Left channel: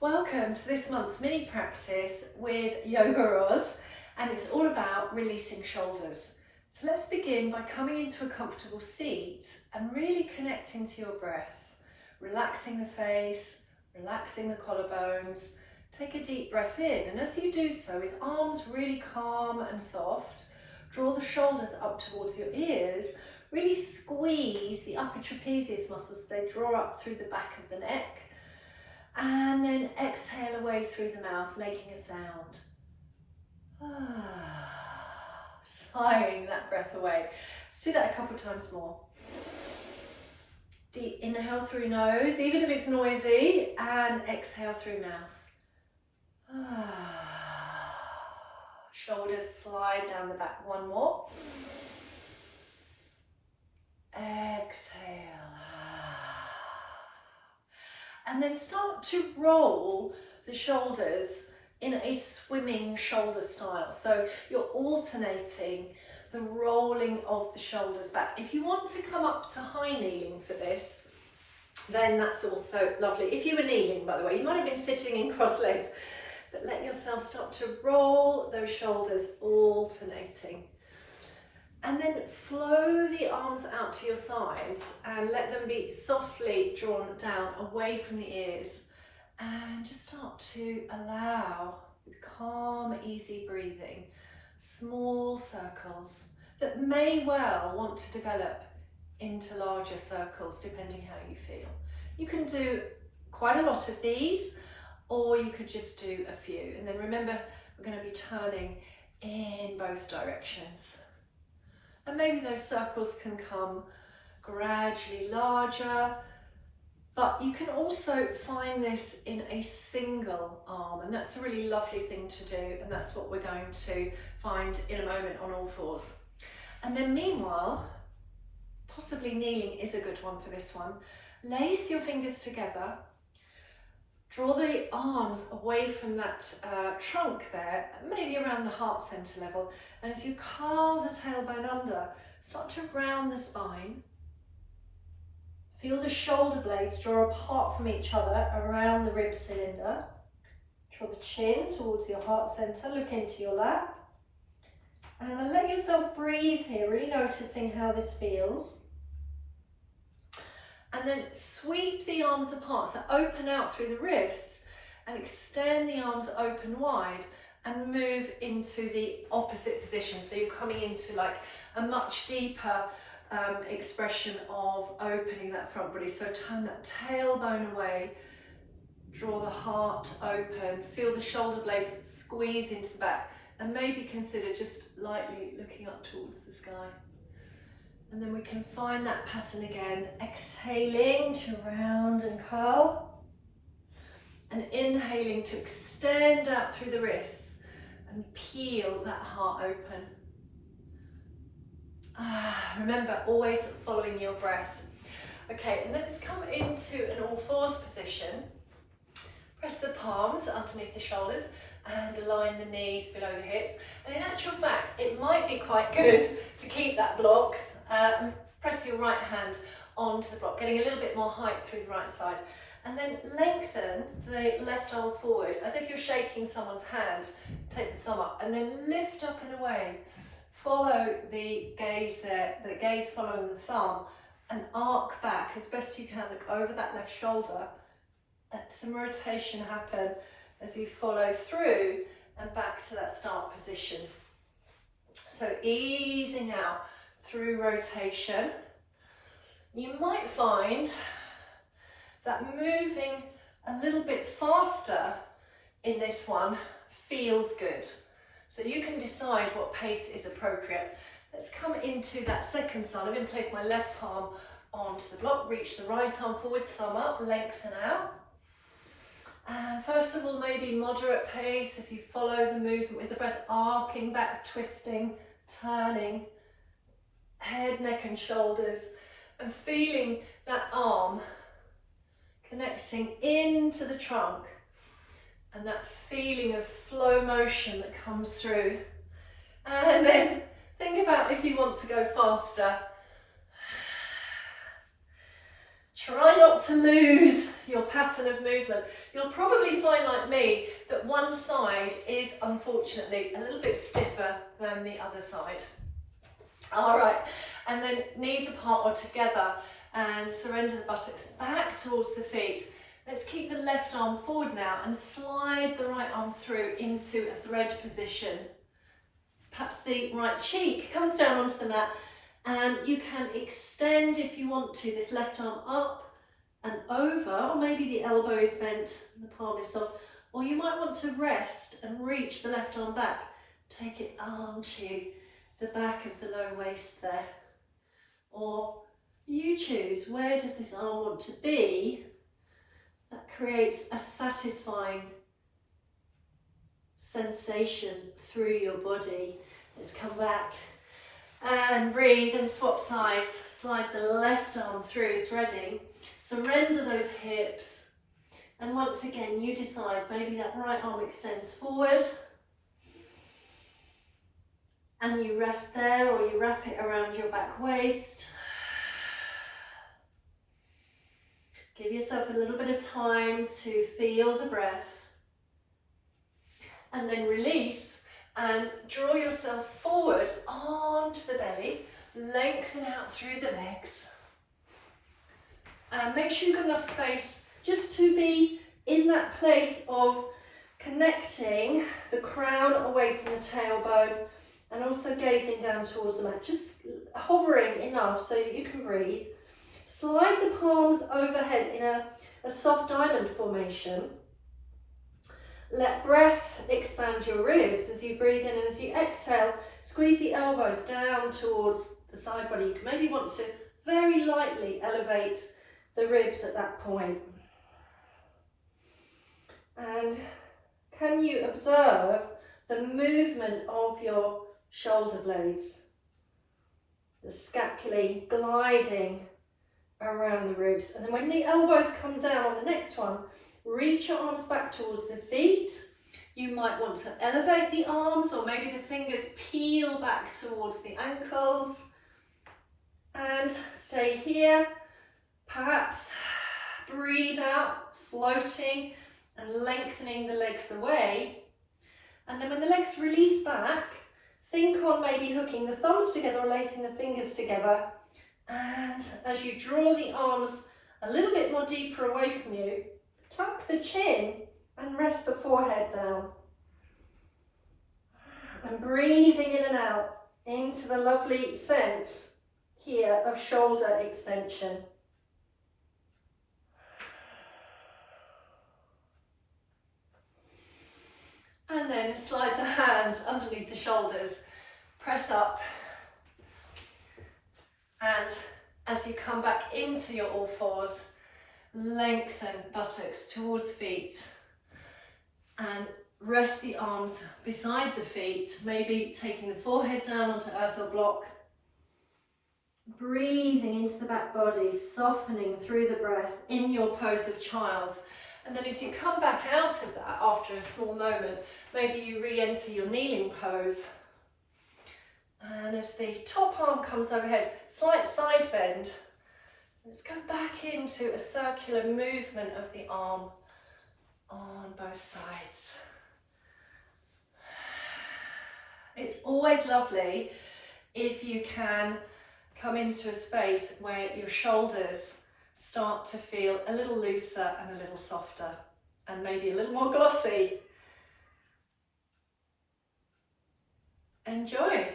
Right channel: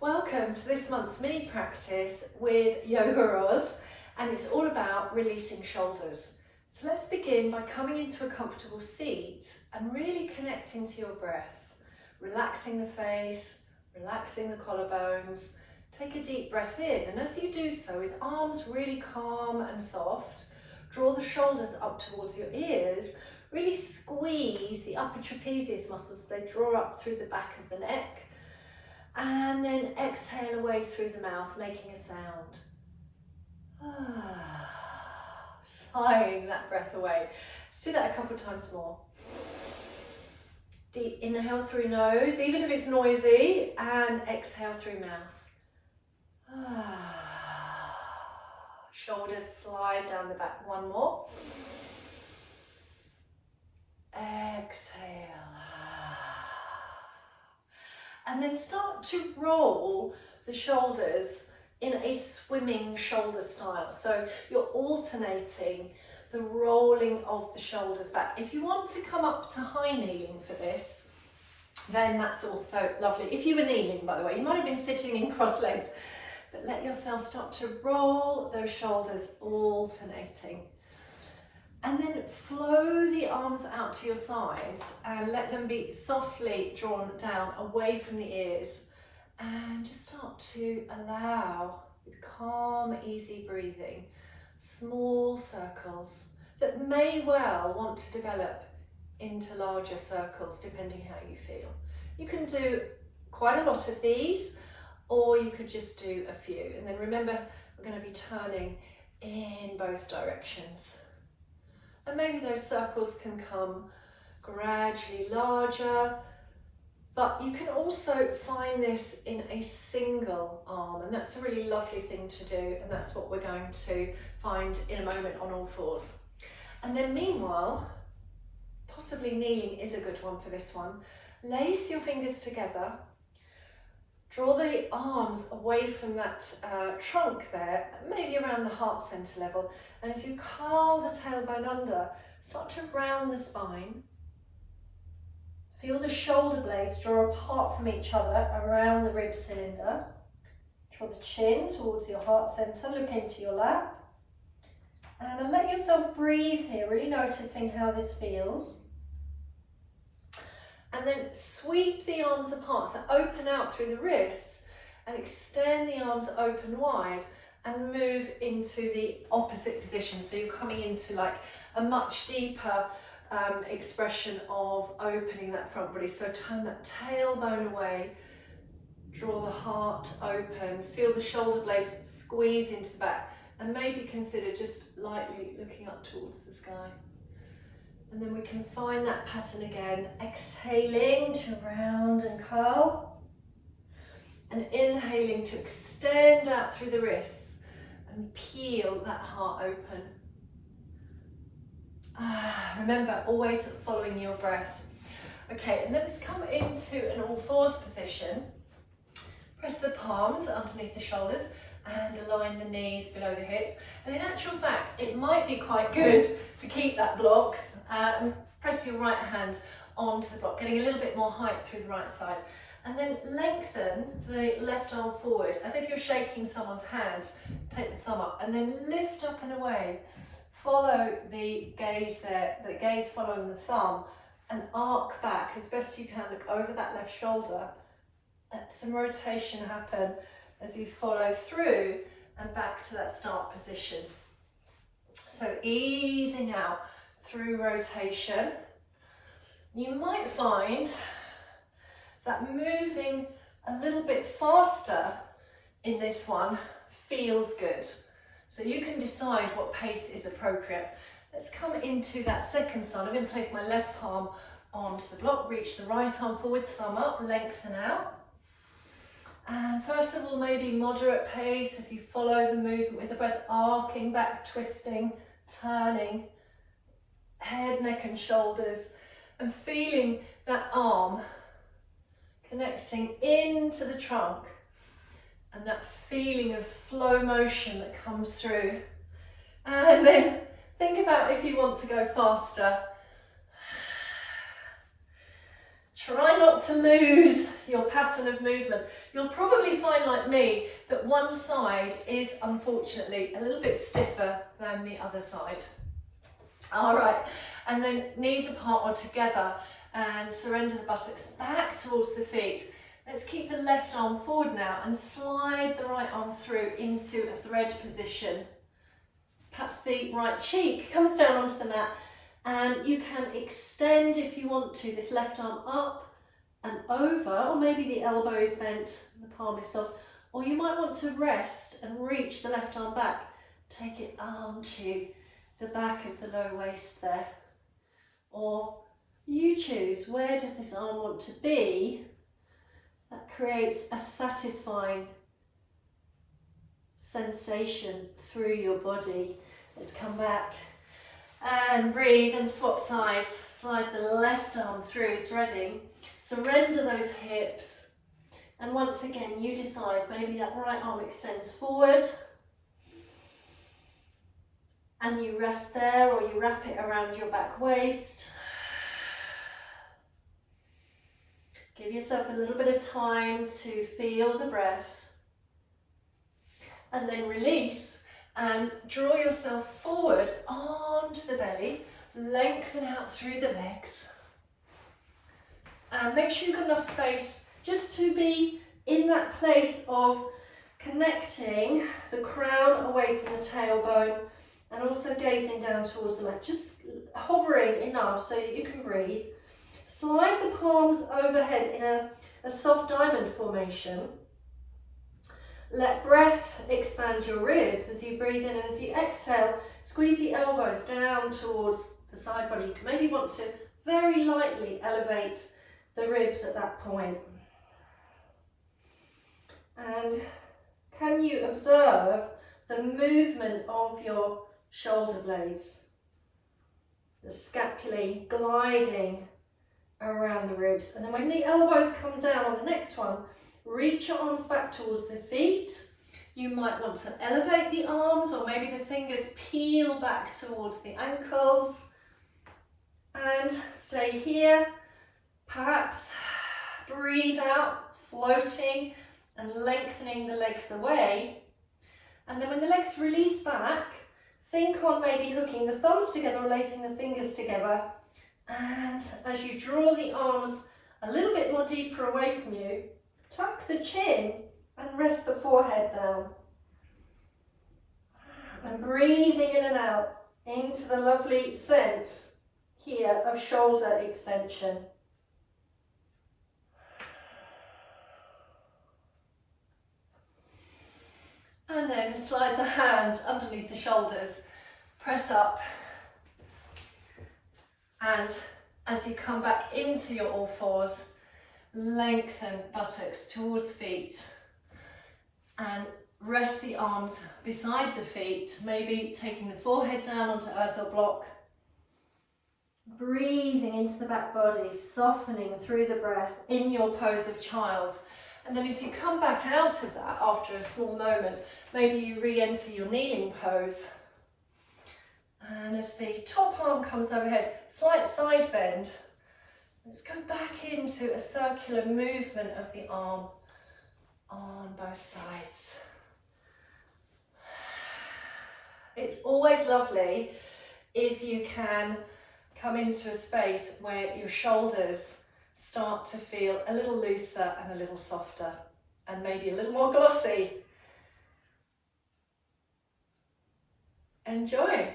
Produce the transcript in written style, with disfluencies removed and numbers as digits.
Welcome to this month's mini practice with YogaRos, and it's all about releasing shoulders. So let's begin by coming into a comfortable seat and really connecting to your breath, relaxing the face, relaxing the collarbones. Take a deep breath in, and as you do so, with arms really calm and soft, draw the shoulders up towards your ears. Really squeeze the upper trapezius muscles, they draw up through the back of the neck. And then exhale away through the mouth, making a sound. Sighing that breath away. Let's do that a couple of times more. Deep inhale through nose, even if it's noisy, and exhale through mouth. Shoulders slide down the back. One more. Exhale. And then start to roll the shoulders in a swimming shoulder style. So you're alternating the rolling of the shoulders back. If you want to come up to high kneeling for this, then that's also lovely. If you were kneeling, by the way, you might have been sitting in cross legs, but let yourself start to roll those shoulders, alternating. And then flow the arms out to your sides and let them be softly drawn down away from the ears. And just start to allow, with calm, easy breathing, small circles that may well want to develop into larger circles depending how you feel. You can do quite a lot of these, or you could just do a few. And then remember, we're going to be turning in both directions. And maybe those circles can come gradually larger, but you can also find this in a single arm, and that's a really lovely thing to do, and that's what we're going to find in a moment on all fours. And then meanwhile, possibly kneeling is a good one for this one. Lace your fingers together, draw the arms away from that trunk there, maybe around the heart center level. And as you curl the tailbone under, start to round the spine. Feel the shoulder blades draw apart from each other around the rib cylinder. Draw the chin towards your heart center, look into your lap. And let yourself breathe here, really noticing how this feels. And then sweep the arms apart, so open out through the wrists and extend the arms open wide and move into the opposite position. So you're coming into like a much deeper expression of opening that front body. So turn that tailbone away, draw the heart open, feel the shoulder blades squeeze into the back, and maybe consider just lightly looking up towards the sky. And then we can find that pattern again, exhaling to round and curl, and inhaling to extend out through the wrists and peel that heart open. Remember, always following your breath. Okay, and then let's come into an all fours position. Press the palms underneath the shoulders and align the knees below the hips. And in actual fact, it might be quite good to keep that block. Press your right hand onto the block, getting a little bit more height through the right side. And then lengthen the left arm forward, as if you're shaking someone's hand. Take the thumb up and then lift up and away. Follow the gaze there, the gaze following the thumb, and arc back as best you can. Look over that left shoulder. Let some rotation happen as you follow through and back to that start position. So easing out through rotation. You might find that moving a little bit faster in this one feels good. So you can decide what pace is appropriate. Let's come into that second side. I'm going to place my left palm onto the block, reach the right arm forward, thumb up, lengthen out. And first of all, maybe moderate pace as you follow the movement with the breath, arcing back, twisting, turning, head, neck and shoulders, and feeling that arm connecting into the trunk and that feeling of flow motion that comes through. And then think about if you want to go faster. Try not to lose your pattern of movement. You'll probably find, like me, that one side is unfortunately a little bit stiffer than the other side. All right, and then knees apart or together, and surrender the buttocks back towards the feet. Let's keep the left arm forward now and slide the right arm through into a thread position. Perhaps the right cheek comes down onto the mat, and you can extend, if you want to, this left arm up and over, or maybe the elbow is bent and the palm is soft, or you might want to rest and reach the left arm back. Take it onto the back of the lower waist there. Or you choose, where does this arm want to be? That creates a satisfying sensation through your body. Let's come back and breathe and swap sides. Slide the left arm through, threading. Surrender those hips. And once again, you decide, maybe that right arm extends forward. And you rest there, or you wrap it around your back waist. Give yourself a little bit of time to feel the breath. And then release and draw yourself forward onto the belly. Lengthen out through the legs. And make sure you've got enough space just to be in that place of connecting the crown away from the tailbone and also gazing down towards the mat. Just hovering enough so that you can breathe. Slide the palms overhead in a soft diamond formation. Let breath expand your ribs as you breathe in, and as you exhale, squeeze the elbows down towards the side body. You can maybe want to very lightly elevate the ribs at that point. And can you observe the movement of your shoulder blades? The scapulae gliding around the ribs. And then when the elbows come down on the next one, reach your arms back towards the feet. You might want to elevate the arms, or maybe the fingers peel back towards the ankles. And stay here. Perhaps breathe out, floating and lengthening the legs away. And then when the legs release back, think on maybe hooking the thumbs together or lacing the fingers together. And as you draw the arms a little bit more deeper away from you, tuck the chin and rest the forehead down. And breathing in and out into the lovely sense here of shoulder extension. And then slide the hands underneath the shoulders, press up. And as you come back into your all fours, lengthen buttocks towards feet and rest the arms beside the feet, maybe taking the forehead down onto earth or block. Breathing into the back body, softening through the breath in your pose of child. And then as you come back out of that after a small moment, maybe you re-enter your kneeling pose. And as the top arm comes overhead, slight side bend. Let's go back into a circular movement of the arm on both sides. It's always lovely if you can come into a space where your shoulders start to feel a little looser and a little softer, and maybe a little more glossy. Enjoy.